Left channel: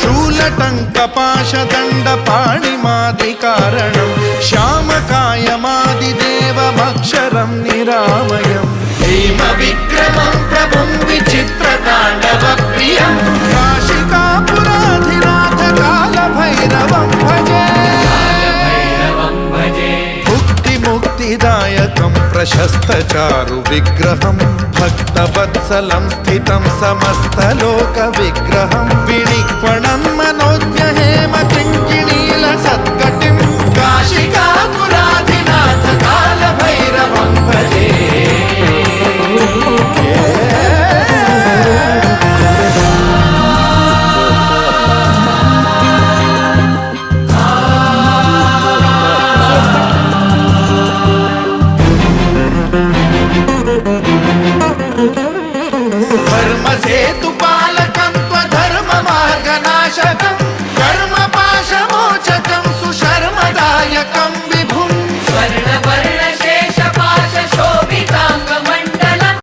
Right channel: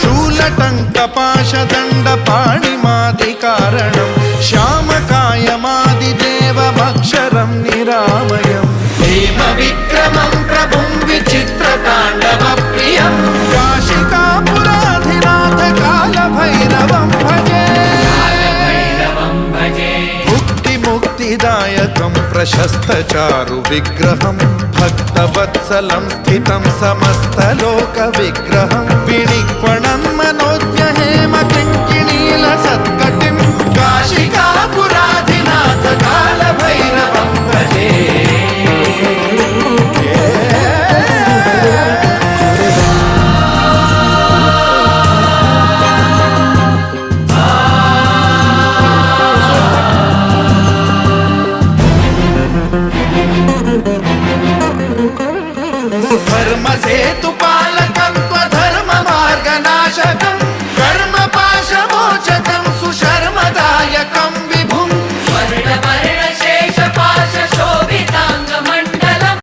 शूलटङ्कपाशदण्डपाणिमादिकारणं श्यामकायमादिदेवमक्षरं निरामयं हेमविक्रमं प्रभुं विचित्रताण्डवप्रियं काशिकापुराधिनाथ कालभैरवं भजे मुक्तिदायकं प्रशस्तचारु विग्रहं भक्तवत्सलं स्थितं समस्तलोकविग्रहं विनिक्वणं